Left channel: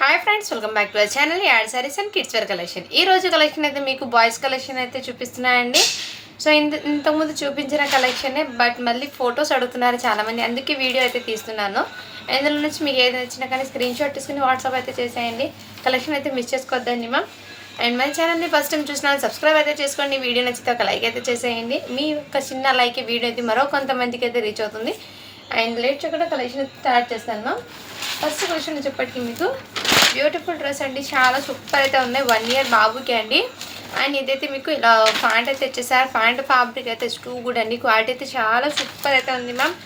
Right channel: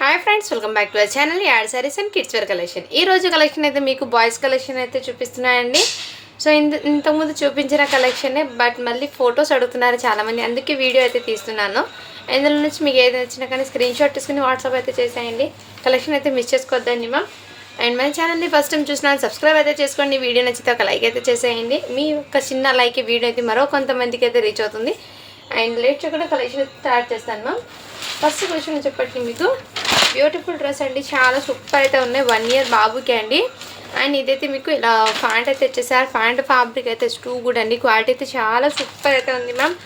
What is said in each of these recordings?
Hi friends, welcome back to our channel యాడ్ saris and kids wear collection. ఈ రోజు collection అయితే మీకు బాయ్స్ కలెక్షన్ అయితే చూపిస్తున్నాయండి. సో ఇంతకుముందు చూపించిన కలెక్షనే, బట్ మళ్ళీ ఫొటోస్ అడుగుతున్నారు చాలామంది, అందుకే వీడియో అయితే తీస్తున్నాను. ఇందులో నుంచి మీకు ఏది నచ్చినా కానీ స్క్రీన్ షాట్ తీసుకుని వాట్సాప్ అయితే చేసేయండి. కలెక్షన్ అయితే మిస్ చేసుకోవద్దండి మ్యామ్. అండ్ మన ఛానల్ని ఫస్ట్ టైం చూసినా సబ్స్క్రైబ్ అయితే చేసుకోండి. వీడియో నచ్చితే ఒక లైక్ అయితే చేసేయండి. మీ యొక్క చిన్న లైక్ వీడియో అయితే మరో కొంతమందికి అయితే రీచ్ అవుతుంది. అండ్ లేట్ చేయకుండా కలెక్షన్ స్టార్ట్ చేస్తాను మ్యామ్. ఫస్ట్ కలెక్షన్ వచ్చేప్పటికి మీకు బ్యూటిఫుల్ డ్రెస్ అండి, చాలా సూపర్ అయితే ఉన్నాయి. 1 year బాబుకి అండి. అండ్ ఇదైతే మీకు ఇలా ప్యాంట్ అయితే వచ్చేసారు. ప్యాంట్ ఫ్యాబ్రిక్ అయితే టూ గుడ్ అండి, క్వాలిటీ అయితే చాలా సూపర్ అయితే ఉంది మ్యామ్.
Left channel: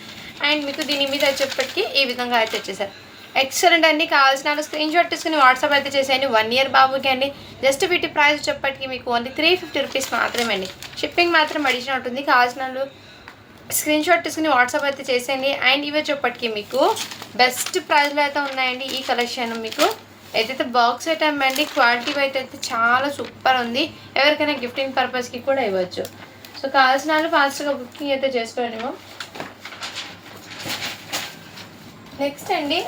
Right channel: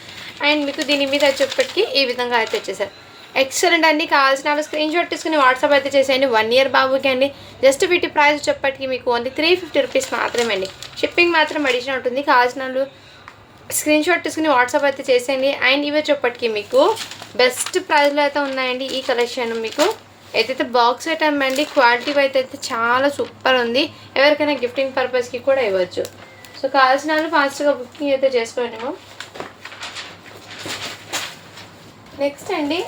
అండ్ మీకు దీని మీద వచ్చేప్పటికి ఈ విధంగా అయితే వచ్చేసారు. ఎక్సలెంట్ అండి. కావాల్సిన స్క్రీన్ షాట్ తీసుకుని వాట్సాప్ అయితే చేసేయండి. 1 year బాబుకి అండి. జస్ట్ వీటి ప్రైస్ వచ్చేప్పటికి మీకు ఓన్లీ 350 రూపీస్ మాత్రమే అండి. షిప్పింగ్ మాత్రం అడిషనల్ ఉంటుంది. కావాల్సిన స్క్రీన్ షాట్ తీసుకుని వాట్సాప్ అయితే చేసేయండి. అండ్ ఇవి వచ్చేప్పటికి మీకు బెస్ట్ ప్రైస్లో అయితే ఉన్నాయండి. ఈ కలెక్షన్ మీకు ఏదైతే బాక్స్ ఐటమ్ అండి, క్వాలిటీ అయితే చాలా సూపర్ ఉంది. ఎవరికైనా గిఫ్టింగ్ పర్పస్కి కూడా ఇవ్వచ్చు. సో కావాల్సిన వాళ్ళు ఫాస్ట్గా బుకింగ్ అయితే చేసుకోండి మ్యామ్. నెక్స్ట్ అండి,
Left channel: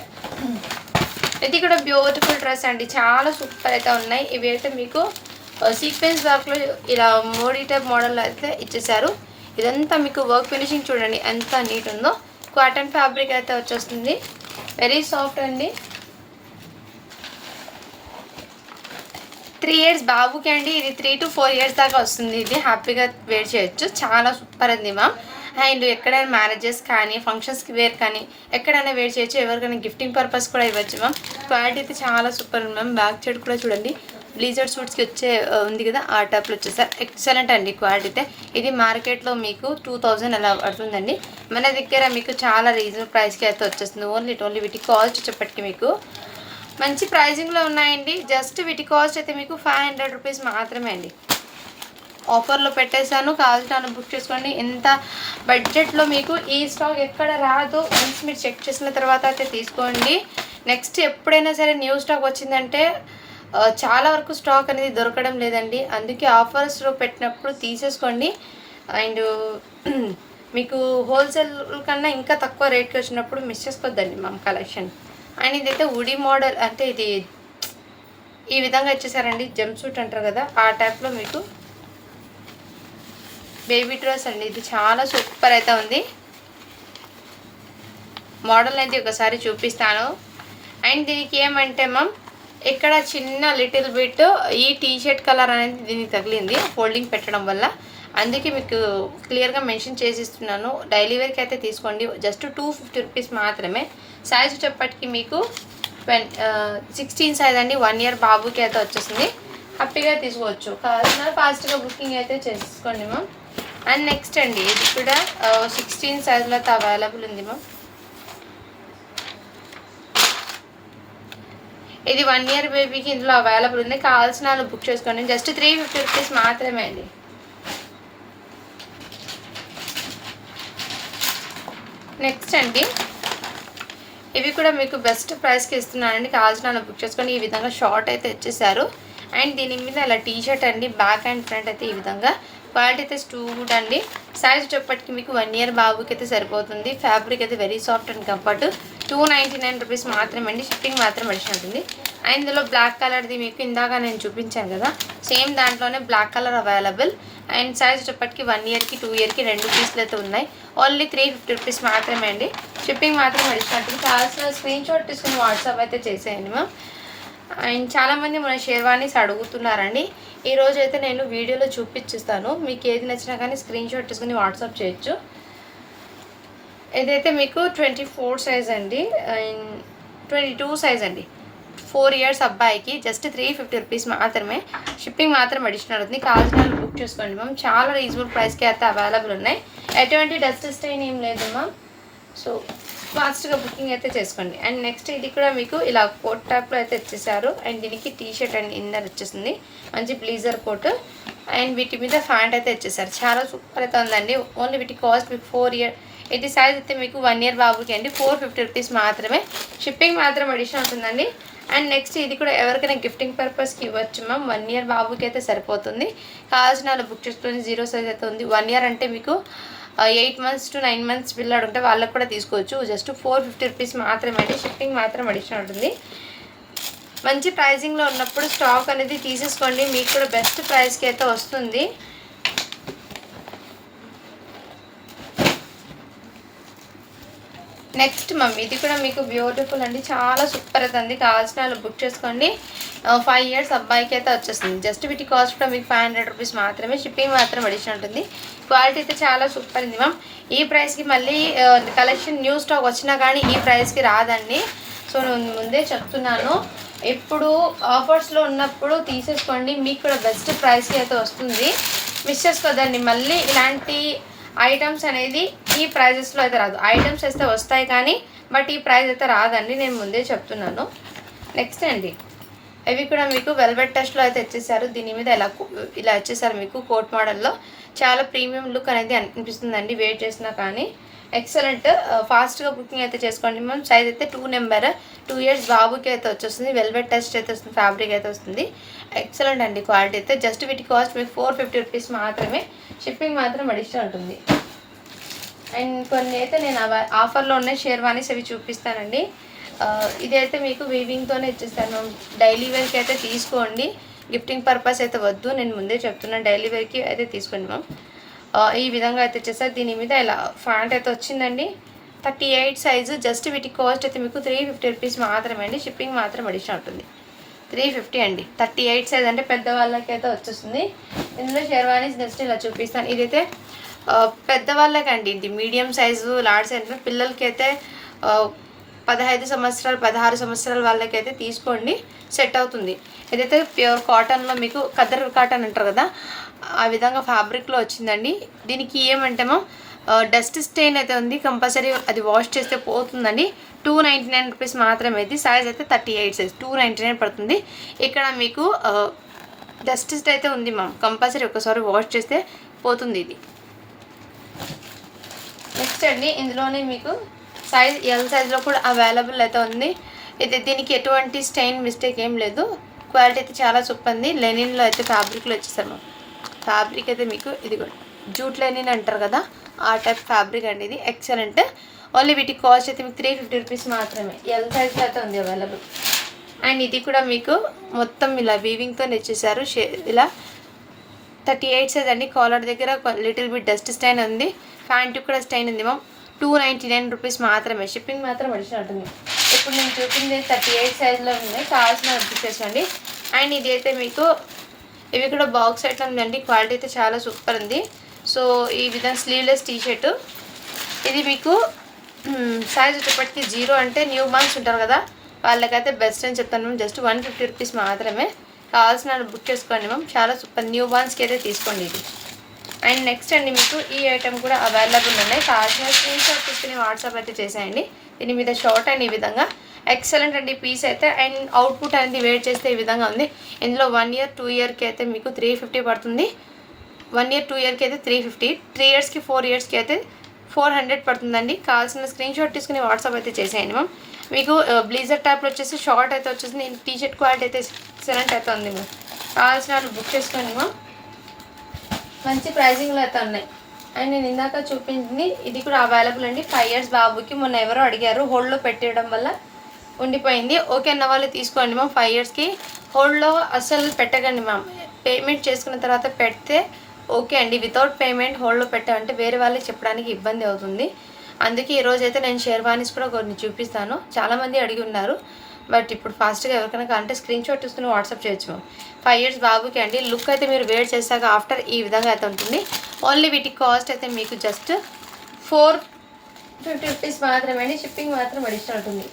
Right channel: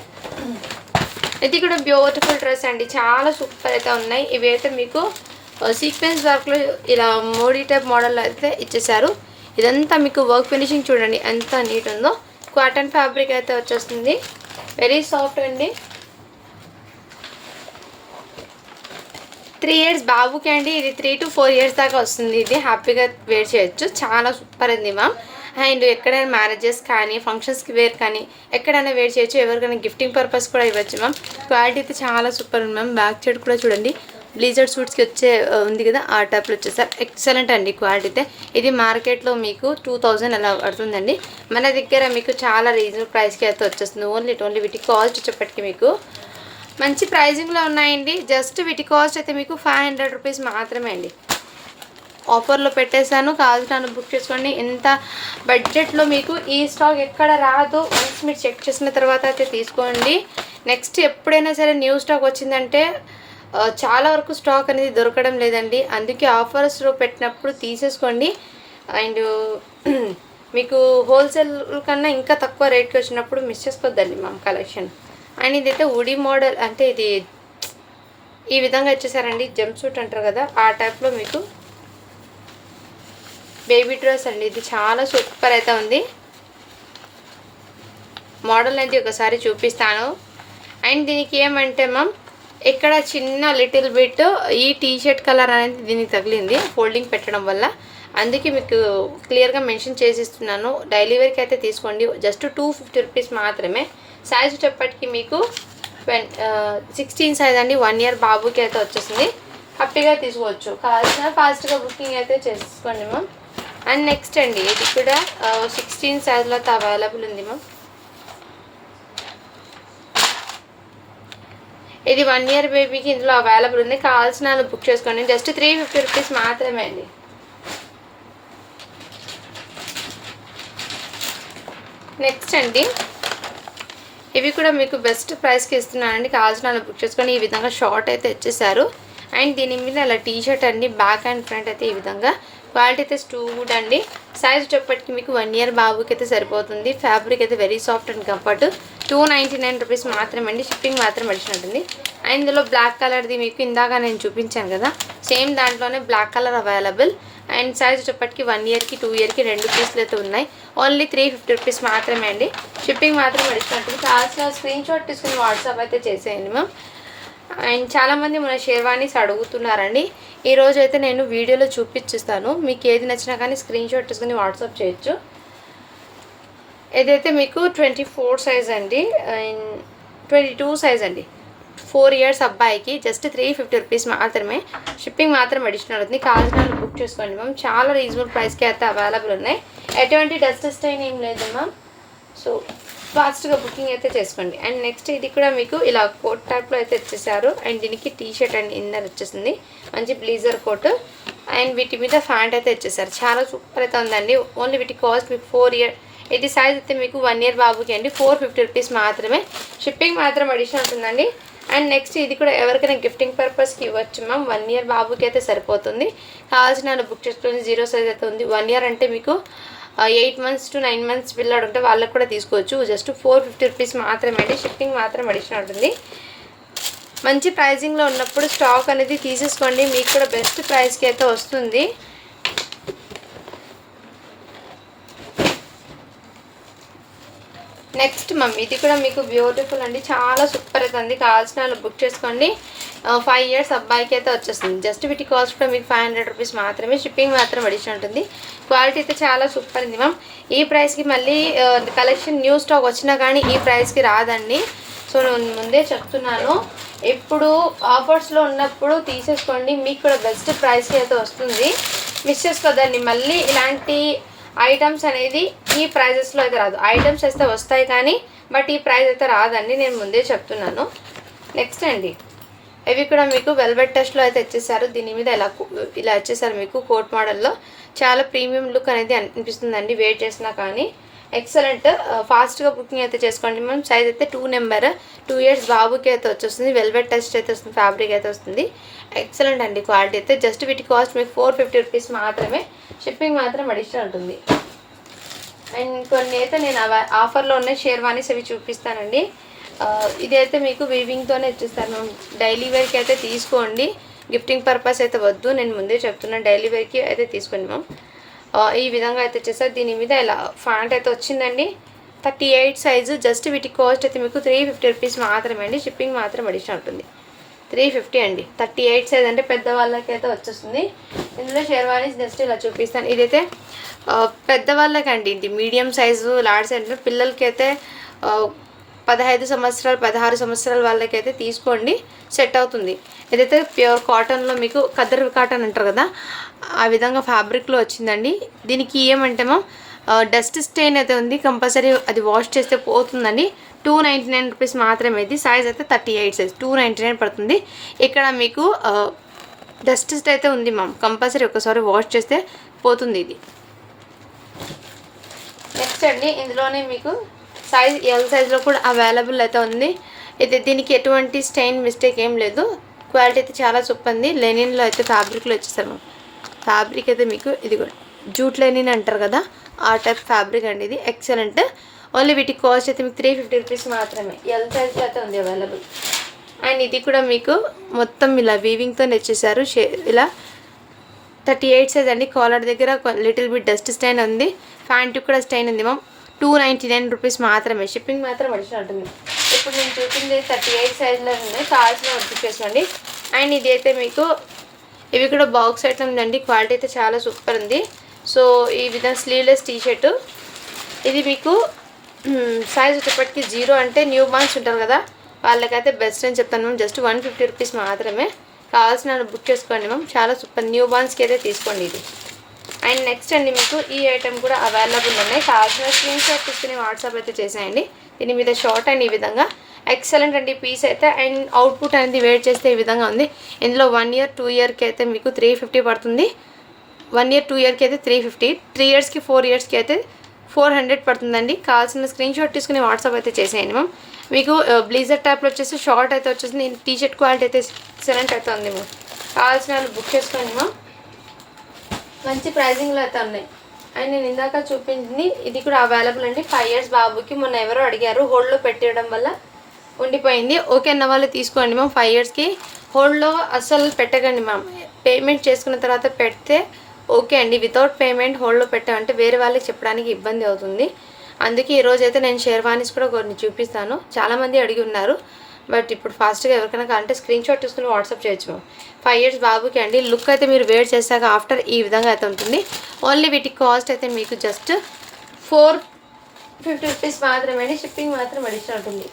ఇది కూడా బ్యూటిఫుల్ డ్రెస్ అండి, చాలా సూపర్ అయితే ఉన్నాయి. ఇవి అయితే మీకు సీక్వెన్స్ వర్క్లో ఇలా మోడీ టైప్ మోడల్ అయితే ఇచ్చేసారు. ఇదంతా మీకు వర్క్ ఫినిషింగ్ చూడండి ఎంత నీట్ ఉందో. కాటన్ ఫ్యాబ్రిక్ అయితే వచ్చేస్తుంది, వెరీ సాఫ్ట్ అండి. 3 years బాబుకి అండి. ఇది 3 to 4 years దాకా వస్తుంది. ఇది హ్యాపీగా వేర్ చేయొచ్చు, చాలా సూపర్ ఉంది మ్యామ్. అండ్ ఎక్కడైనా మ్యారేజెస్ కానీ ఫంక్షన్స్కి వేర్ కానీ ఎక్కడైనా వేర్ చేయొచ్చు. ఎవరికైనా గిఫ్టింగ్ పర్పస్ కూడా ఇవ్వచ్చు మ్యామ్. క్వాలిటీ అయితే చాలా సూపర్ ఉంది మ్యామ్. బ్యాక్ సైడ్ కూడా చూడండి, బ్లీజర్ సూట్స్కి వచ్చే ఉంది కదా, ఆ టైప్లో వచ్చేసారు. ఎక్సలెంట్ అండి క్వాలిటీ అయితే. ఇది మార్కెట్లో మీకు 2000 అలా పడుతుందండి. మన దగ్గర మీకు చాలా రీజనబుల్ ప్రైస్కి అయితే వచ్చేస్తుంది. ఓన్లీ వీటి కాస్ట్ వచ్చేప్పటికి మీకు మంచి ప్రైజింగ్లో ఉన్నాయండి. జస్ట్ వీటి కాస్ట్ అయితే మీకు 500 రూపీస్ మాత్రమే అండి. ఆఫర్లో పెట్టేశాను, కావాల్సిన బుక్ చేసుకోండి. ఎంత బడ్జెట్లో మీకు ఈ స్టాక్ ఎక్కడ రాదు. వన్స్ మీరు చెక్ చేసిన తర్వాత అయితే తీసుకోండి. నెక్స్ట్ ఎప్పుడైనా సరే న్యూ స్టాక్ వచ్చిందంటే చాలా వరకు స్టాక్ అనేది దొరకడం లేదండి. అందుకే ఆఫర్స్లో పెట్టినప్పుడు తీసేసుకోండి. అండ్ మీకు హోల్సేల్ కన్నా ఇంకా తక్కువ రేట్కి వచ్చినప్పుడు మిస్ చేసుకోవద్దండి మా కలెక్షన్. అండ్ ఇదైతే ఉడి మోడల్, అంటే ఇది ఈ విధంగా ఇచ్చేసారండి. జంప్ సూట్ అంటారు కదా, ఆ టైప్లో మీకు బేబీ డ్రెస్ అండి. ఇది చాలా సూపర్ అయితే ఉంది. మోడల్ అయితే ఒకసారి చూపిస్తాను. అండ్ దీనికి ఏమంటే మ్యామ్, ఇక్కడ చిన్న లిటిల్ బిట్ ఈ టీషర్ట్ కలర్ అనేది దీనికి తగిలింది ఫోల్డింగ్ పెట్టడం వల్ల. అందుకే మీకు క్లియర్గా మెన్షన్ చేసి ఇస్తున్నాను. డైలీ వేర్కి అయితే తీసుకోండి. జస్ట్ 250 రూపీస్ మాత్రమే. సైజ్ వచ్చేప్పటికి మీకు 16 సైజ్ అండి. 1 year బాబుకి అయితే వచ్చేసింది. హ్యాపీగా తీసుకోవచ్చు. కావాల్సిన ఫాస్ట్గా బుకింగ్ అయితే చేసుకోండి మ్యామ్. అండ్ నెక్స్ట్ అండి, ఇది కూడా 16 సైజ్లో అయితే అవైలబుల్ ఉంది మ్యామ్. ఇది 1 year బేబీకి ఇందులో అవైలబుల్ ఉంది. కావాల్సిన వాళ్ళు బుక్ చేసుకోండి. జస్ట్ 350 రూపీస్ మాత్రమే అండి. నెక్స్ట్ అండి, ఇవి కూడా మీకు బెస్ట్ ప్రైస్కి ఇస్తున్నానండి. కావాల్సిన వాళ్ళు బుక్ చేసుకొని. ఈ విధంగా షార్ట్ అయితే ఇచ్చేసారు. అండ్ దీని మీద ఇలా టీషర్ట్ అండి, బ్యాక్ అండ్ ఫ్రంట్ అయితే ఈ విధంగా. క్వాలిటీ అయితే గుడ్ అండి. సైజ్ వచ్చేప్పటికి మీకు 1 year బాబుకి అయితే సరిపోతుంది. ఫ్యాబ్రిక్ అయితే very soft and comfort. 299 rupees మాత్రమే అండి. షిప్పింగ్ మాత్రం అడిషన్ ఉంటుంది. అండ్ ఇందులో బ్లాక్ కలర్ది మీకు ఇందాక నేను చూపించాను కదా, సేమ్ దాంట్లోనే black colour available. And size వచ్చేప్పటికి 1 yearకి 2 yearకి 2 పీసులు అయితే ఉన్నాయి. ఓన్లీ 350 రూపీస్ మాత్రమే అండి. షిప్పింగ్ మాత్రం అడిషన్ ఉంటుంది. కావాల్సిన స్క్రీన్ షాట్ తీసుకుని వాట్సాప్ అయితే చేసేయండి మ్యామ్. అండ్ చాలామంది మన షేర్వానీస్ అడుగుతున్నారండి. ఈరోజు అయితే నేను వీడియోలో చూపించిస్తాను. మీకు ఏది నచ్చినా కానీ స్క్రీన్ షాట్ తీసుకుని వాట్సాప్ చేయొచ్చు. ఇదైతే మీకు 24 సైజ్ అండి, అండ్ 22 సైజ్ అండి. 4 years అబ్బాయికి జస్ట్ 350 రూపీస్ మాత్రమే. షిప్పింగ్ మాత్రం అడిషనల్ అవుతుంది. కావాల్సిన బుక్ చేసుకోండి మ్యామ్. చాలా రీజనబుల్ ప్రైస్కి అయితే అవైలబుల్ ఉన్నాయి. ఎటువంటి డస్ట్ స్టైన్ ఏం లేదు మ్యామ్. సో ఫాస్ట్గా బుకింగ్ అయితే చేసుకోండి. అండ్ నెక్స్ట్ ఇది కూడా మీకు ఇలా కోట్ టైప్లో అయితే ఇచ్చేసారు. అండ్ దీనికి టీషర్ట్ అండ్ ఇన్నర్ వచ్చేసింది, మంచి బ్లీజర్ కోట్. అండ్ వీటి మీద ప్యాంట్ అయితే ఇచ్చేసారు. చాలా సూపర్ అయితే ఉందండి. ఓన్లీ వీటి కాస్ట్ మీకు 4 year. ఇది సైజ్ అయితే మీకు 1 year బాబుకి అండి. 450 రూపీస్ మాత్రమే. షిప్పింగ్ మాత్రం అడిషన్ ఉంటుందండి. అండ్ నెక్స్ట్ ఇది కూడా ఎవరికైనా గిఫ్టింగ్ పర్పస్కి ఇవ్వచ్చు మ్యామ్. 1 year బాబుకి అయితే సరిపోతుంది. కావాల్సిన బుక్ చేసుకొని. 0 సైజ్ అయితే ఉంది. 1 year అంటే మీకు 8 months to 9 months పిల్లలు ఉంటే వాళ్ళకి కూడా తీసుకోవచ్చు. జస్ట్ 450 రూపీస్ మాత్రమే అండి. షిప్పింగ్ మాత్రం అడిషన్ ఉంటుంది. మంచి ప్రైజింగ్లో ఉన్నప్పుడు స్టాక్ అనేది తీసేసుకోండి, మీకు కూడా బెస్ట్ ప్రైస్కి అయితే వస్తుంది. నెక్స్ట్ ఇది కూడా మీకు బ్యూటిఫుల్ అండి, చాలా సూపర్ అవుతుంది. కావాల్సిన వాళ్ళు బుక్ చేసుకోండి. 5 years అబ్బాయికి అయితే వచ్చేస్తుంది. జస్ట్ వీటి కాస్ట్ కూడా మీకు 500 రూపీస్ మాత్రమే, షిప్పింగ్ మాత్రం అడిషన్ ఉంటుంది. క్వాలిటీ అయితే చాలా సూపర్ ఉంది మ్యామ్. ఈ ప్రైస్కి మళ్ళీ కలెక్షన్ న్యూ స్టాక్ వచ్చినా కానీ ఈ ప్రైస్కి రాదండి. సో నేను ముందే చెప్తున్నాను, ఇప్పుడు ఆఫర్స్లో ఉన్నప్పుడు తీసేసుకోండి, మీకు కూడా బెస్ట్ ప్రైస్కి అయితే వస్తుంది. మిస్ చేసుకోదండి. మళ్ళీ ఇలాంటి ఐటమ్స్ అనేది ఈ ప్రైజెస్లో అయితే రాదు. ఐటమ్స్ అయితే వస్తాయి కానీ బట్ ఈ ప్రైస్ అయితే రాదండి, నేను ముందే చెప్తున్నాను. నెక్స్ట్ అండి, ఇవి కూడా మీకు వెల్వెట్ టెస్ట్లో అయితే ఇచ్చేసారు. దీని మీద ఇలా ఇచ్చేసారు మీకు కోట్ మోడల్లో. చాలా ప్రీమియం లుక్ అనేది అనిపిస్తుందండి వెయిట్ చేసినా కానీ. ఎక్సలెంట్, ఫాస్ట్గా బుకింగ్ అయితే చేసుకోండి మ్యామ్. సైజ్ అయితే 2 నెంబర్, 2 years బాబుకి అయితే వచ్చేస్తుంది. వెల్వెట్ టెస్ట్ అయితే వస్తుంది, ఫ్యాబ్రిక్ అయితే వస్తుంది. ఎక్సలెంట్ అండి క్వాలిటీ అయితే. జస్ట్ వీటి కాస్ట్ మీకు 450 రూపీస్ మాత్రమే, షిప్పింగ్ మాత్రం అడిషనల్ ఉంటుంది. అండ్ కొన్ని అయితే నేను ఆఫర్లో ఉన్న షేర్వానీస్ అవి చూపిస్తానండి. ఇదైతే మీకు వీవింగ్తోనే ఇచ్చేస్తాను మ్యామ్. డైలీ వేర్కి అయితే తీసుకోండి, గిఫ్టింగ్ పర్పస్ అయితే వద్దు, నేను ముందే చెప్తున్నాను. డైలీ వేర్కి అయితే తీసుకోండి మ్యామ్. ఈ విధంగా అయితే వచ్చేసారు. దీని మీద ఇలా ఫ్యాంట్ అయితే వచ్చిందండి, 38 సైజు. జస్ట్ వీటి కాస్ట్ అయితే మీకు 350 రూపీస్ మాత్రమే అండి, షిప్పింగ్ మాత్రం అడిషనల్ ఉంటుంది. 350 అండి. 38 సైజ్ అంటే పెద్దవాళ్ళకి అయితే వచ్చేస్తుంది. ఇందులో షేర్వానీస్ జస్ట్ ఇలా చూపిస్తాను. ఇదైతే పెద్దవాళ్ళకండి, ఇది మీడియం సైజు, లార్జ్ సైజు. పిల్లలకి అయితే 15 సంవత్సరాలు 16 సంవత్సరాల వాళ్ళకైతే తీసుకోండి, సెట్ అవుతుంది. ఇదైతే ప్యూర్ కాటన్లో మీకు ఖద్దర్ కాటన్ అంటారు కదా, ఆ విధంగా ఫ్యాబ్రిక్లో వచ్చిందండి. దీనికి ఏమంటేమో డస్ట్ స్టెయిన్ అయితే ఉంది, కంపల్సరీ అది వాష్ చేస్తే పోతుందండి. 299 రూపీస్ మాత్రమే. ఇది సైజ్ అయితే 38 సైజ్, 299 పడుతుంది. ఇక్కడ మీకు డస్ట్ అయితే ఉంది మ్యామ్, కంపల్సరీ ఒకసారి వాష్ చేస్తే పోతుంది ఇది. నెక్స్ట్ అండి, ఇందులోనే మీకు సైజ్ ఎల్ సైజ్లో కూడా అవైలబుల్ అయితే ఉంది. ఇది దీనికి ఎటువంటి స్టెయిన్ మిస్టేక్ ఏం లేదు. క్వాలిటీ అయితే చాలా సూపర్ ఉంది. లెనిన్లో అయితే ఫ్యాబ్రిక్లో వచ్చేసారు. ఫ్యాబ్రిక్ అయితే మీకు ఇది కూడా జూట్ లెనిన్ అంటారు కదా, ఆ టైప్ ఫ్యాబ్రిక్ అండి ఇది. ఎక్సలెంట్. ఓన్లీ వీటి కాస్ట్ అయితే మీకు 350 రూపీస్ మాత్రమే. ఎల్ సైజ్లో అయితే ఉంది అవైలబుల్. అండ్ ఇది కూడా మీకు మొత్తం ఇలా వీవింగ్తో వచ్చేసారు. ఇలా 38 సైజ్ అండి. కాలర్ దగ్గర లిటిల్ బిట్ డస్ట్ స్టైన్ ఉంది, ప్యాంటు కూడా స్టైన్ ఉంది మ్యామ్. 299 రూపీస్ మాత్రమే, షిప్పింగ్ మాత్రం అడిషనల్ ఉంటుంది. ఇప్పుడు నేను చూపించేది 38 సైజ్లో ఉన్నాయి, కావాల్సిన వర్క్ చేసుకోండి. అండ్ ఇది అయితే మీకు ఇవి కూడా బాక్స్ ఐటమ్ ఉందండి, క్వాలిటీ అయితే చాలా సూపర్ ఉంది. సో ఈ విధంగా స్లీవ్లెస్ టీషర్టు, ఇది మీకు సైజ్ వచ్చేప్పటికి 0 అంటే న్యూ బార్న్స్ ఉంటారు కదా, వాళ్ళకైతే బెస్ట్ అని చెప్తాను మ్యామ్. జస్ట్ 150 రూపీస్ మాత్రమే, కావాల్సిన బుక్ చేసుకోండి మ్యామ్. చాలా సూపర్, న్యూ బార్న్స్కి అయితే తీసుకోండి ఇది. అండ్ నెక్స్ట్ అండి, మీకు ఈ ఐటమ్ కూడా అవైలబుల్ ఉన్నాయి. కావాల్సిన స్క్రీన్ షాట్ తీసుకుని వాట్సాప్ అయితే చేసేయండి. దీని మీద షార్ట్ అండ్ ఈ విధంగా ఎక్సలెంట్ అండి పీస్ అయితే. అండ్ అవుట్పుట్ అనేది వెయిట్ చేస్తే ఈ విధంగా ఉంది. ఇందులో 1 year 2 yearకి అయితే మీకు 350 పడుతుంది. 1 year 2 yearకి అయితే 350, 3 yearsకి 4 yearsకి అయితే 400 పడుతుందండి. కావాల్సిన స్క్రీన్ షాట్ తీసుకుని వాట్సాప్ అయితే చేసేయండి మ్యామ్. మీకు బ్లీజర్ టైప్లో వచ్చేసి షార్ట్ అయితే వచ్చేసింది. టీషర్ట్ క్వాలిటీ అయితే ఎక్సలెంట్ అయితే ఉంది మ్యామ్. కావాల్సిన వాళ్ళు బుక్ చేసుకోండి మ్యామ్. మంచి ప్రైజింగ్లో అయితే ఉన్నాయి. అండ్ నేను ఇందాక చూపించింది ఇది కూడా అవైలబుల్ అండి. 5 years బాబుకి మొన్న ఎవరో అడిగారు, హోల్డ్లో పెట్టేయడం వల్ల ఉండిపోయింది. ఓకే అన్న వాళ్ళు తీసుకోండి మ్యామ్. 5 yearsకి హోల్డ్లో అస్సలు పెట్టకండి మ్యామ్. పేమెంట్ చేసుకున్న తర్వాత పెడితే ఓకే అండి. వితౌట్ పేమెంట్ హోల్డ్లో పెట్టామంటే వేరే వాళ్ళకి చెప్పడానికి ఇబ్బంది అవుతుంది. అందుకే ఈరోజైతే నేను షేర్వానీస్ కూడా కొన్ని చూపిస్తాను. చాలామంది అడిగి ఉన్నారు, బట్ ఇప్పుడు ఫాస్ట్గా ఎవరికైనా కావాలంటే స్క్రీన్ షాట్ తీసుకుని వాట్సాప్ చేయొచ్చు మ్యామ్. 5 years బాబుకి అండి. లుక్ అయితే మీరు వేర్ చేశాక ఆఫ్టర్ ఈ విధంగా అయితే ఉంటుంది. ఓన్లీ వీటి కాస్ట్ అయితే మీకు జస్ట్ 450 రూపీస్ మాత్రమే అండి, షిప్పింగ్ మాత్రం అడిషనల్ ఉంటుంది.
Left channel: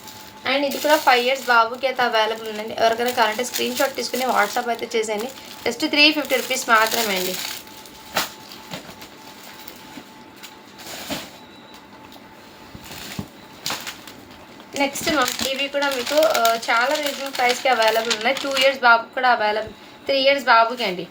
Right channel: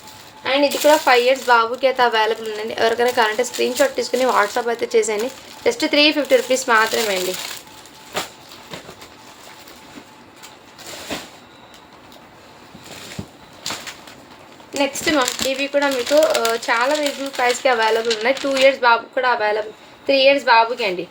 అండ్ ఇది కూడా 5 years బాబుకి అయితే అవైలబుల్ ఉందండి. ఎవరికైనా కావాలంటే స్క్రీన్ షాట్ తీసుకుని వాట్సాప్ అయితే చేసేయండి. జస్ట్ 350 రూపీస్ మాత్రమే అండి. నెక్స్ట్ ఇవి కూడా మీకు చాలా రీజనబుల్ ప్రైస్కి అవైలబుల్ ఉన్నాయి. 2 years బాబుకి కూడా అవైలబుల్, 3 years బాబుకి అండి.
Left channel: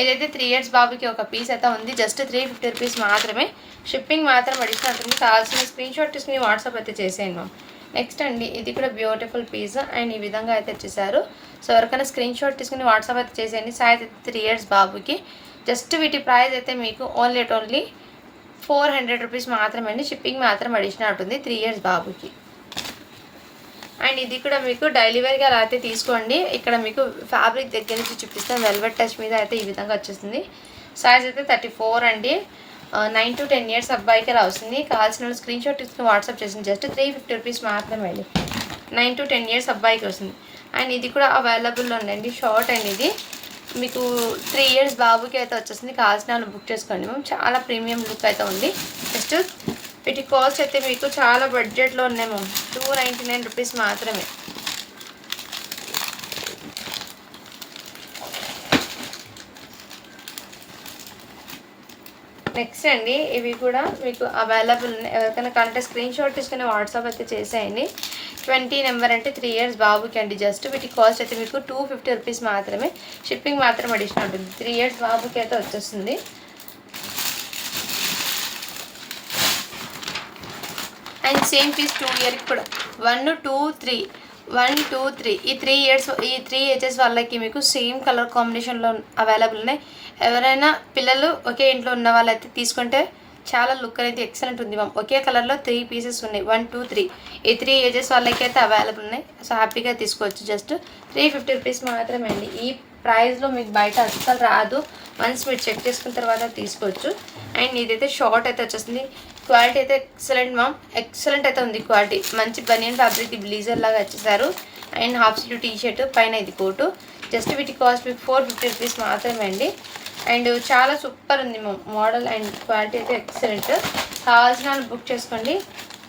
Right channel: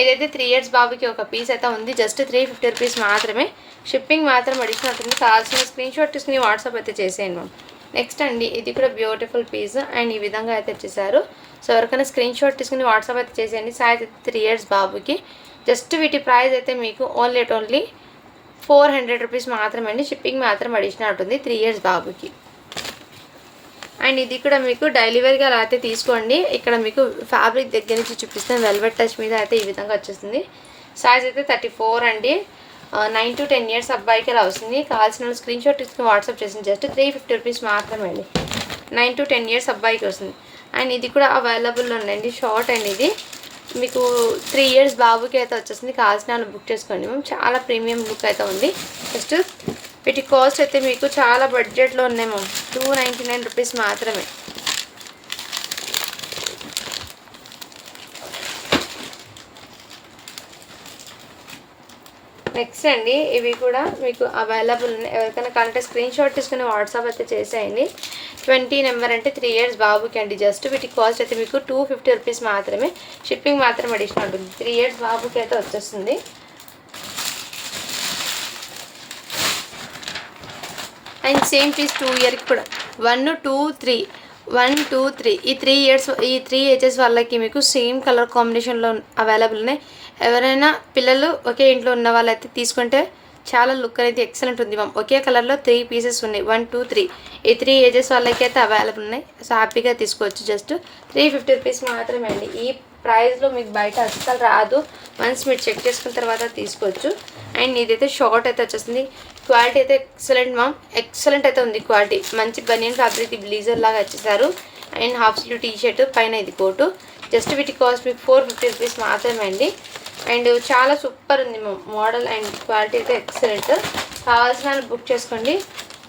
ఏదైతే 3 years బాబుకి ఒక పీస్ అయితే ఉంది, జస్ట్ 350 రూపీస్ మాత్రమే, షిప్పింగ్ మాత్రం అడిషనల్ ఉంటుంది. కావాల్సిన స్క్రీన్ షాట్ తీసుకుని వాట్సాప్ అయితే చేసేయండి మ్యామ్. నెక్స్ట్ అండి, ఇది కూడా బ్యూటిఫుల్ పీస్ అండ్ ఈ విధంగా అయితే వచ్చేసారు. సో ఎవరికైనా స్క్రీన్ షాట్ తీసుకుని వాట్సాప్ అయితే చేసేయండి. సైజ్ 3 years బాబుకి. జస్ట్ వీటి ప్రైస్ అయితే మీకు ఓన్లీ 400 రూపీస్ మాత్రమే అండి, షిప్పింగ్ మాత్రం అడిషనల్ ఉంటుంది 3 years బాబుకి. అండ్ ఇది కూడా మీకు డైలీ వేర్గా అలా అయితే తీసుకోండి. ఇక్కడ మీకు ఫ్యాబ్రిక్ దగ్గర నుంచి చూపిస్తాను. వెల్వెట్ టచ్ మీద అయితే ఈ విధంగా వచ్చేస్తుంది. సైజ్ అయితే 34 అండి. 9 to 10 ఇయర్స్ అబ్బాయికి అలా వస్తుంది. కావాల్సిన స్క్రీన్ షాట్ తీసుకుని వాట్సాప్ చేసింది. జస్ట్ 350 రూపీస్ మాత్రమే అండి. 9 to 10 ఇయర్స్ అబ్బాయికి వస్తుంది. అండ్ ఇది కూడా అవైలబుల్లో ఉందండి. షార్ట్ అండి. ఇది మీకు 3 ఇయర్స్ బాబుకి అయితే వచ్చేసింది. కావాల్సిన వాళ్ళు బుక్ చేసుకోండి. మేము చాలా ప్రీమియం లుక్ అయితే ఉంది. జస్ట్ వీటి కాస్ట్ అయితే మీకు చాలా బడ్జెట్లో ఉన్నాయేమో. 299 రూపీస్ మాత్రమే. నెక్స్ట్ అండి ఇవి కూడా మీకు అవైలబుల్ ఉన్నాయి. ఎవరికైనా కంటే స్క్రీన్ షాట్ తీసుకుని వాట్సాప్ అయితే చేసేయండి. 20 నెంబర్ అంటే 3 ఇయర్స్ బాబుకి అండి. జస్ట్ వీటి కాస్ట్ అయితే మీకు 250 రూపీస్ మాత్రమే. షిప్పింగ్ మాత్రం అడిషనల్ ఉంటుంది. 3 ఇయర్స్ బాబుకి అయితే వచ్చేస్తుంది. అండ్ సేమ్ పీస్ 2 ఇయర్కి కూడా 1 2 3 1 2 3 ఈ 3 ఇయర్స్ ఈ 3 ఏజెస్ వాళ్ళకి మీకు సేమ్ కలర్ కాంబినేషన్లో అవైలబుల్ ఉన్నాయి. ఎవరైనా పిల్లలు ఒకే ఇంట్లో ఉన్న వాళ్ళైతే తీసుకుంటే చాలా లుక్ అనేది ఎక్సలెంట్ ఉంది మ్యామ్. ఒకే కలర్లో 3 పీసెస్ ఉన్నాయి. 1 2 3 ఈ 3 ఏజెస్ వాళ్ళకి అయితే అవైలబుల్ ఉన్నాయి. సో హ్యాపీగా తీసుకోవచ్చు. జస్ట్ 350 రూపీస్ మాత్రమే అండి. ఈ ప్రైస్లో మీకు బయట అస్సలు రాదు. వన్స్ మీరు చెక్ చేసుకున్న తర్వాత తీసుకోవచ్చు. అండ్ ఇదైతే షార్ట్ అయితే వచ్చేసింది. క్వాలిటీ అయితే ఎక్సలెంట్ మ్యామ్. ఎక్సలెంట్ అయితే ఉంది క్వాలిటీ. మంచి బనియన్ ఫ్యాబ్రిక్ బ్లీజర్ లాగా వచ్చేసారు. And half slew T shirt పైన ఇది కోటు. జస్ట్ వీటి కాస్ట్ మీకు 450 రూపీస్ మాత్రమే అండి. అండ్ చాలా సూపర్ ఉంది మ్యామ్. మోడల్ అండ్ క్వాలిటీ అయితే ఎక్సలెంట్. కావాల్సిన వాళ్ళు బుక్ చేసుకోండి.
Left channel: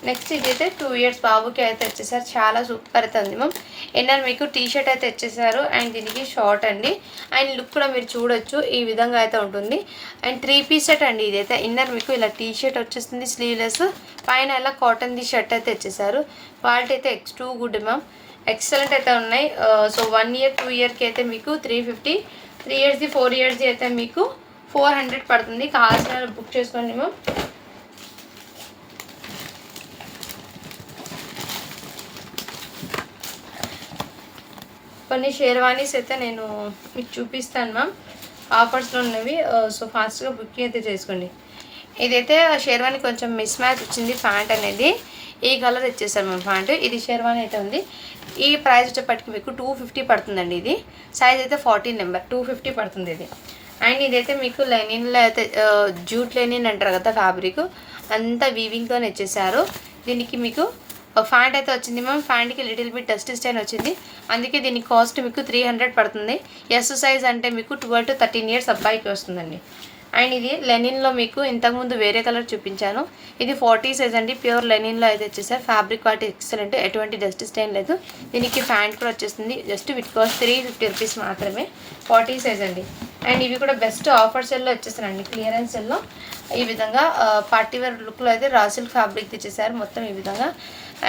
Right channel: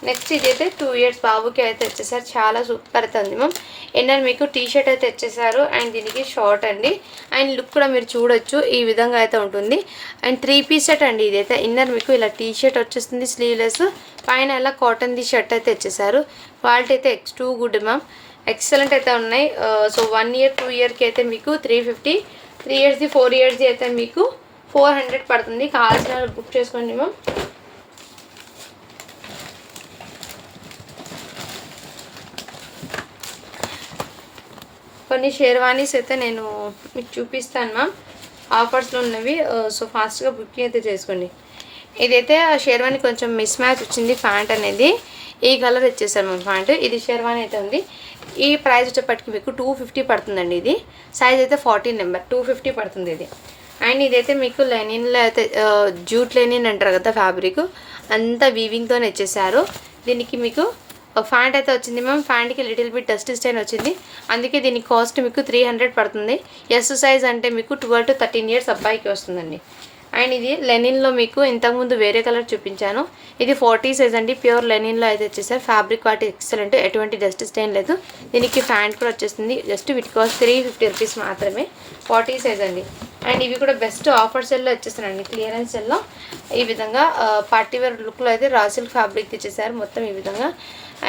నెక్స్ట్ ఇదైతే 2 ఇయర్స్ బాబుకి అయితే వచ్చేసారు. చాలా సూపర్ అయితే ఉంది మ్యామ్. ఎన్నర్ మీకు టీ షర్ట్ అయితే వచ్చేసారు. అండ్ దీనికి షార్ట్ అండి. అండ్ లుక్ కూడా మీరు చూడొచ్చు. ఈ విధంగా అయితే ఉంటుంది. అండ్ 3 పీస్ సెట్ అండి. ఇదైతే ఇన్నర్ మీకు ఇలా టీ షర్ట్ వచ్చేస్తుంది స్లీవ్లెస్. పైన ఇలా కాటన్ది షర్ట్ అయితే వచ్చేసారు. క్వాలిటీ అయితే టూ గుడ్ మ్యామ్. ఎక్సలెంట్ అయితే ఉన్నాయి. సో 1 ఇయర్ 2 ఇయర్కి అయితే మీకు 350, 3 ఇయర్స్ది 4 ఇయర్స్ది అయితే మీకు 400 పడుతుంది. కావాల్సిన బుక్ చేసుకోండి మ్యామ్. కొన్ని షేర్వానీస్ అయితే నేను మీకు చూపిస్తాను మ్యామ్. ఆఫర్స్లో ఉన్నవి. సో ఫాస్ట్గా బుకింగ్ అయితే చేసుకోండి. ఇదైతే షేర్వానీ కొంచెం మిస్ మ్యాచ్ వచ్చింది. ప్యాంట్ అనేది ఈ కలర్ వచ్చేసారు మ్యామ్. ప్యాంట్ ఇది షేర్వానీ అయితే ఉంది. ఈ ప్రైస్ వచ్చేప్పటికి మీకు 250 పడుతుందండి. ఇది సైజ్ అయితే 14 నెంబర్ 250 పడుతుంది ఇది. అండ్ ఇదైతే మీకు లెనిన్లో అయితే జూట్ లెనిన్ అంటారు కదా ఫ్యాబ్రిక్ అంతా వీవింగ్తోనే వచ్చేసారు. దీనికి మీకు ఫ్యాంట్ అయితే వచ్చింది మ్యామ్. ఫ్యాంట్కి లిటిల్ బిట్ డస్ట్ స్టైన్ వచ్చింది. అందుకే దీని కాస్ట్ మీకు 300 పడుతుంది. ఎస్ సైజ్ అంటే మీకు 12 to 13 ఇయర్స్ అబ్బాయికి వస్తుందండి. అండ్ ఇది లెనిన్లో మీకు ఇంతకుముందు వేరే కలర్ చూపించాను. ఇది 40 సైజ్ అండి. ప్యూర్ లెనిన్లో అయితే వచ్చేసారు. Fabric quality excellent. ఎటువంటి డస్ట్ స్టైన్ లేదు. దీనికి ఫ్యాంట్ కూడా వచ్చేస్తుంది. జస్ట్ వీటి కాస్ట్ 350 రూపీస్ మాత్రమే. 40 సైజ్ అండి. అండ్ ఇవి కూడా బెస్ట్ ఆఫర్ సెల్లో వచ్చేసారండి. క్లియరెన్స్ సెల్లో ఈ విధంగా పార్టీవేర్ లుక్లో అయితే రాసిల్ ఫ్యాబ్రిక్ ఇచ్చేసారు మొత్తం ఈ విధంగా.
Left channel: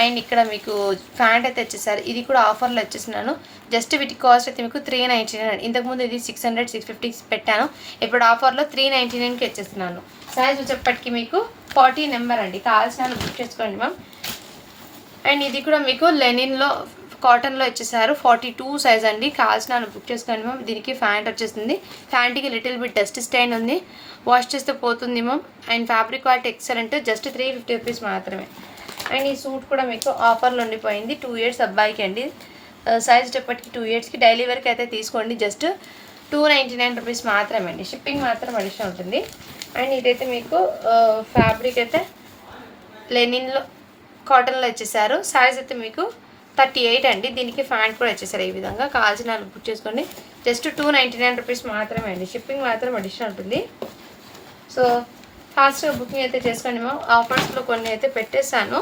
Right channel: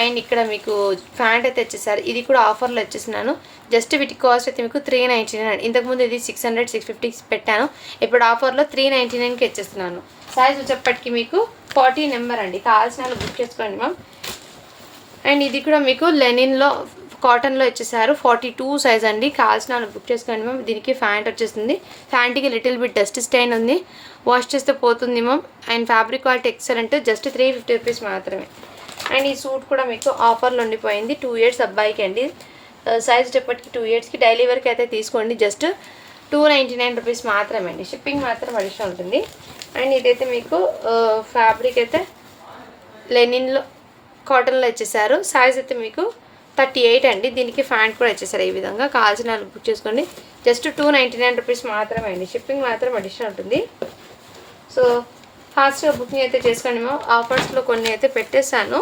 అండ్ ఇక్కడ మీకు ప్యాంట్ అయితే వచ్చేసారు. ఇది కూడా ఆఫర్లో వచ్చేసినాను. జస్ట్ వీటి కాస్ట్ అయితే మీకు 399. ఇంతకుముందు ఇది 600 650 పెట్టాను. ఇప్పుడు ఆఫర్లో 399కి వచ్చేస్తున్నాను. సైజ్ వచ్చేప్పటికి మీకు 40 నెంబర్ అండి. కావాల్సిన బుక్ చేసుకోండి మ్యామ్. అండ్ ఇది కూడా మీకు లెనిన్లో కాటన్లో వచ్చేసారు. 42 సైజ్ అండి. కావాల్సిన బుక్ చేసుకోండి మ్యామ్. దీనికి ప్యాంట్ వచ్చేస్తుంది. ప్యాంట్కి లిటిల్ బిట్ డస్ట్ స్టైన్ ఉంది. వాష్ చేస్తే పోతుంది ma'am. And fabric quality excellent. Just 350 rupees మాత్రమే. అండ్ ఈ సూట్ కూడా మీకు ఆఫర్లో ఉండిపోయింది. 2 ఇయర్స్ అబ్బాయికి అండి. సైజ్ చెప్పటికి 2 ఇయర్స్కి డైలీ వేర్కి అయితే తీసుకోండి. జస్ట్ 299 రూపీస్ మాత్రమే అండి. షిప్పింగ్ మాత్రం అడిషనల్ ఉంటుంది. అండ్ ఇదైతే మీకు ఫ్యాబ్రిక్ అయితే లెనిన్లో కాటన్లో వచ్చేసారు. సైజ్ అయితే మీకు 38 అండి. దీనికి ఫ్యాంట్ కూడా వచ్చేసారు ఈ విధంగా. కావాల్సిన వాళ్ళు బుక్ చేసుకోండి. జస్ట్ 299 రూపీస్ మాత్రమే అండి. షిప్పింగ్ మాత్రం అడిషనల్ ఉంటుంది. సో ఫాస్ట్గా బుకింగ్ అయితే చేసుకోండి మ్యామ్. ఆఫర్స్లో కొన్ని అయితే పెట్టేశాను.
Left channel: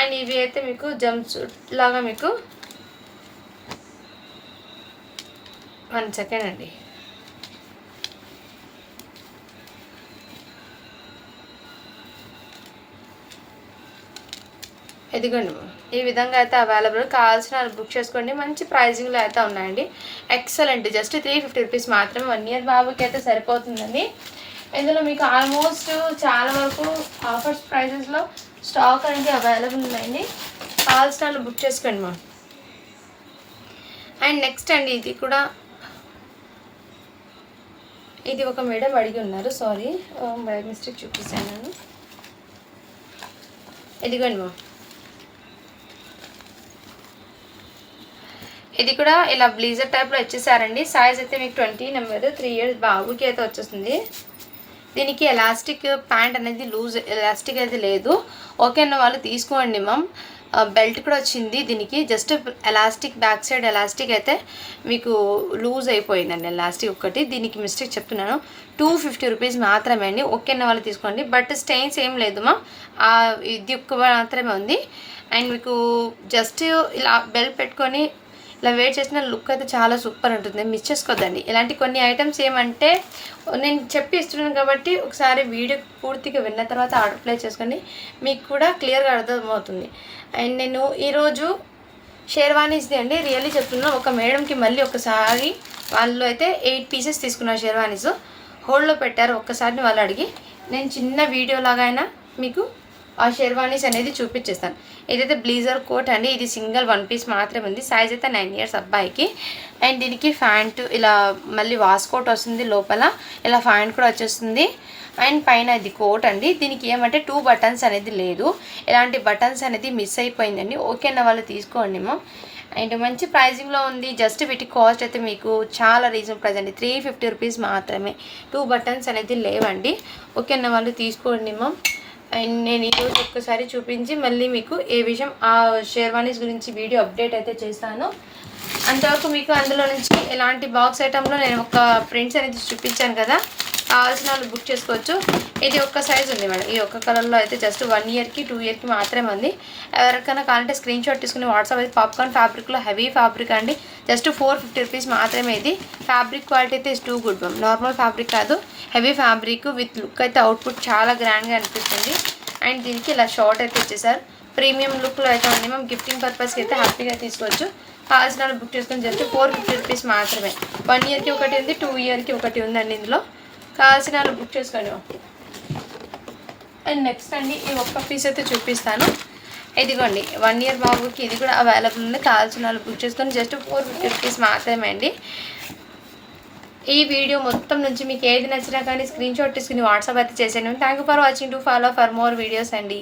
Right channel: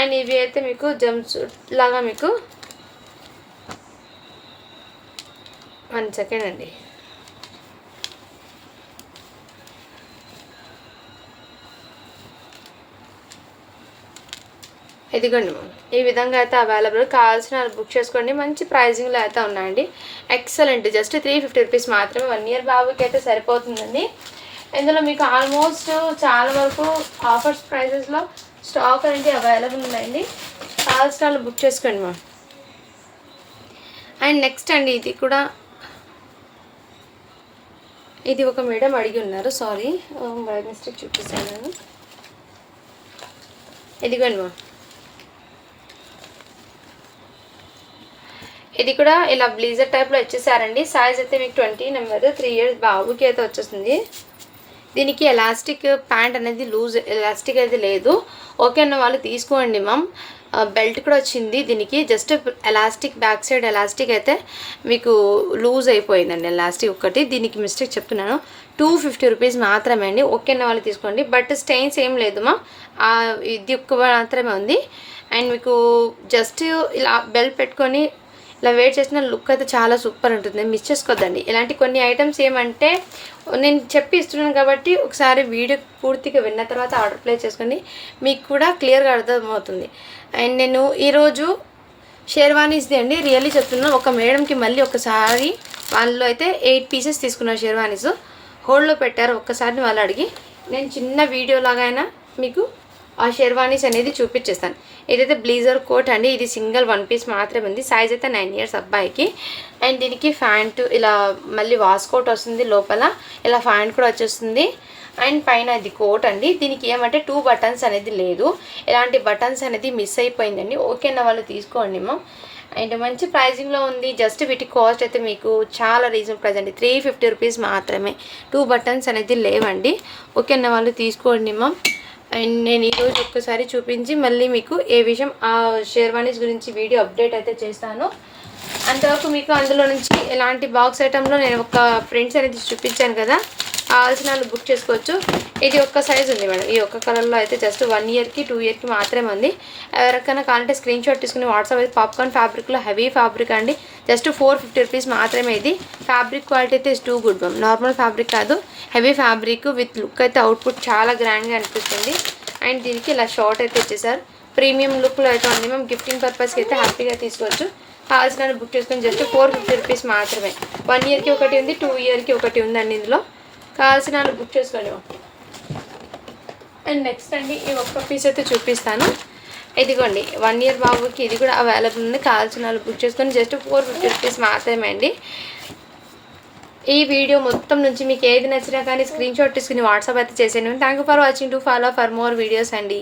అండ్ ఇవి అయితే మీకు జంప్ సూట్ లాగా మీకు 1 సెకండ్ అండి. ఇదిగోండి మ్యామ్. ఈ విధంగా అయితే అవైలబుల్. కావాల్సిన బుక్ చేసుకోండి. మంచి ప్రైజింగ్లో అయితే ఉన్నాయండి. ఎక్సలెంట్. జస్ట్ 350 రూపీస్ మాత్రమే. 1 ఇయర్ బాబుకి అయితే సరిపోతుందండి. ఇందులో మీకు ఆల్మోస్ట్ చాలా వరకు ఆఫర్స్ ప్రైజెస్లో స్టాక్ అనేది అవైలబుల్ ఉన్నాయండి. కావాల్సిన బుక్ చేసుకోండి మ్యామ్. అండ్ నెక్స్ట్ అండి ఇది కూడా ఇది ఒక మేడం అడిగి ఉన్నారు. సారీ బై మిస్టేక్ చూపిస్తాను నేను. ఇదిగోండి మ్యామ్. ఇది కూడా ఇలా బ్లీజర్ టైప్లో వచ్చేసారండి. సైజ్ అయితే మీకు 20 నెంబర్ 3 ఇయర్స్ బాబుకి అయితే వచ్చేస్తుంది. దీనికి ఎలాస్టిక్ ప్యాంట్ అనేది లూజ్ ఎలాస్టిక్ అయితే లేదు. ఓకే అన్న వాళ్ళు తీసుకోండి మ్యామ్. బెల్ట్ కూడా వచ్చింది దీనికి. Just elastic back side elastic అయితే మీకు లూజ్ అయిపోయిందండి ఎలాస్టిక్ ఒకటి. దీనికి మిస్టేక్ చెప్తున్నాను. 250 రూపీస్ మాత్రమే అండి. ఓకే అన్న వాళ్ళు తీసుకోండి. బట్ స్టెయిన్స్ ఏం లేదు మా, ఇది ఒక్క మాత్రమే ఉంది. అండ్ మీకు జస్ట్ ఇలా బెల్ట్ పెట్టుకొని ఇలా వెయిట్ చేసిన లుక్ అయితే చాలా సూపర్ ఉంటుంది. మిస్ చేసుకోవద్దండి. ఇలాంటి కొన్ని ఐటమ్స్ ఏమంటే నేను చెప్పి ఇస్తున్నాను కాబట్టి ఒకసారి వీడియో పూర్తిగా విన్న తర్వాత ఆర్డర్ ప్లేస్ చేసుకోండి, మీకు కూడా క్లియర్గా అర్థమవుతుంది. అండ్ నేను ఈరోజు షేర్వానీస్ది అండి రియల్లీ చెప్తున్నాను. ఒక మేడంకి మళ్ళీ ఒకసారి వాళ్ళు అయితే 8 పీసెస్ తీసుకున్నారు షేర్వానీస్, హోల్డ్లో పెట్టారు. ఒక్కసారి వాళ్ళు అడిగి నేను చిన్న వీడియో లాగా అయినా మీకు ఆ షేర్వానీస్ అనేది చూపించేస్తాను. ఇదైతే బ్లీజర్ కోట్ అండి. ఇది సింగిల్ 1 పీస్ మాత్రమే ఉంది. సైజ్ అయితే 9 ఇయర్స్ అబ్బాయికి. అండ్ దీనికి ప్యాంట్ ఇలా మళ్ళీ వాస్కోట్ వస్తుంది, లోపల ఇలా ప్యాంట్ కూడా వచ్చేస్తుంది. అండ్ పైన ఇది కోట్ అండి. దీనికి ఏమంటే 2 బటన్స్ అనేది లేదు. ఇలాంటి బటన్స్ అనేది మిస్ అయిపోయిందండి. ఓకే అన్న వాళ్ళు తీసుకోండి మ్యామ్. అండ్ మంచి ప్రైజింగ్లో ఉంది. జస్ట్ వీటి కాస్ట్ అయితే మీకు చాలా రీజనబుల్ ప్రైస్ అండి. 350 రూపీస్ మాత్రమే. 2 బటన్స్ అనేది లేవండి. ఓకే అన్న వాళ్ళు తీసుకోండి మ్యామ్. అండ్ నేను ఈరోజు ఒక్కసారి చూపించి మళ్ళీ మీకు ఏ విషయం ఆ షేర్వానీస్ గురించి వీడియో అప్డేట్ అయితే చేస్తాను. అంతవరకు మీకు అందులో నుంచి ఎలాంటి బాక్స్ ఐటెంలో నేను ఒక ప్రింట్స్ అనేది చూపించాను కదా, కావాల్సిన వాళ్ళు బుక్ చేసుకోవచ్చు. ఇది ఒక్క సైజ్ ఉంది మేడం. ఈ ఒక్క కలర్లో అయితే జస్ట్ 1 ఇయర్కి 2 ఇయర్కి మాత్రమే ఉంది. ఎవరికైనా కావాలంటే స్క్రీన్ షాట్ తీసుకుని వాట్సాప్ అయితే పాప్కార్న్ ఫ్యాబ్రిక్లో హెవీ ఫ్యాబ్రిక్ అండి. జస్ట్ 450 రూపీస్ మాత్రమే. ఇది ఫ్యాబ్రిక్ క్వాలిటీ అయితే too good ma'am. Normal fabric కాదు, హెవీ ఫ్యాబ్రిక్ విత్ లుక్ అయితే అవుట్పుట్ చాలా గ్రాండ్గా అనిపిస్తుంది. అండ్ దీనికి ఇలా షార్ట్ అయితే వచ్చేసారు. ప్రీమియం లుక్లో అయితే ఉంది మ్యామ్. గిఫ్టింగ్ పర్పస్కి అయితే హ్యాపీగా తీసుకోవచ్చు. కావాల్సిన బుక్ చేసుకొని జస్ట్ 450 రూపీస్ మాత్రమే. 1 ఇయర్కి ఒకటి ఉంది, 2 ఇయర్కి ఒకటి ఉందండి. ఇందులో కావాల్సిన బుక్ చేసుకోండి. అండ్ నెక్స్ట్ అండి ఈ ఒక్క పీస్ అయితే చూపిస్తాను. ఇదిగోండి 1 ఇయర్ బాబుకి ఇది కూడా అవైలబుల్ ఉంది. కావాల్సిన బుక్ చేసుకొని జస్ట్ 450 రూపీస్ మాత్రమే అండి. ఈ వీడియో మొత్తం నుంచి మీకు ఏది నచ్చినా కానీ స్క్రీన్ షాట్ తీసుకుని వాట్సాప్ అయితే చేసేయండి. Thank you for watching. To follow for more videos అండి.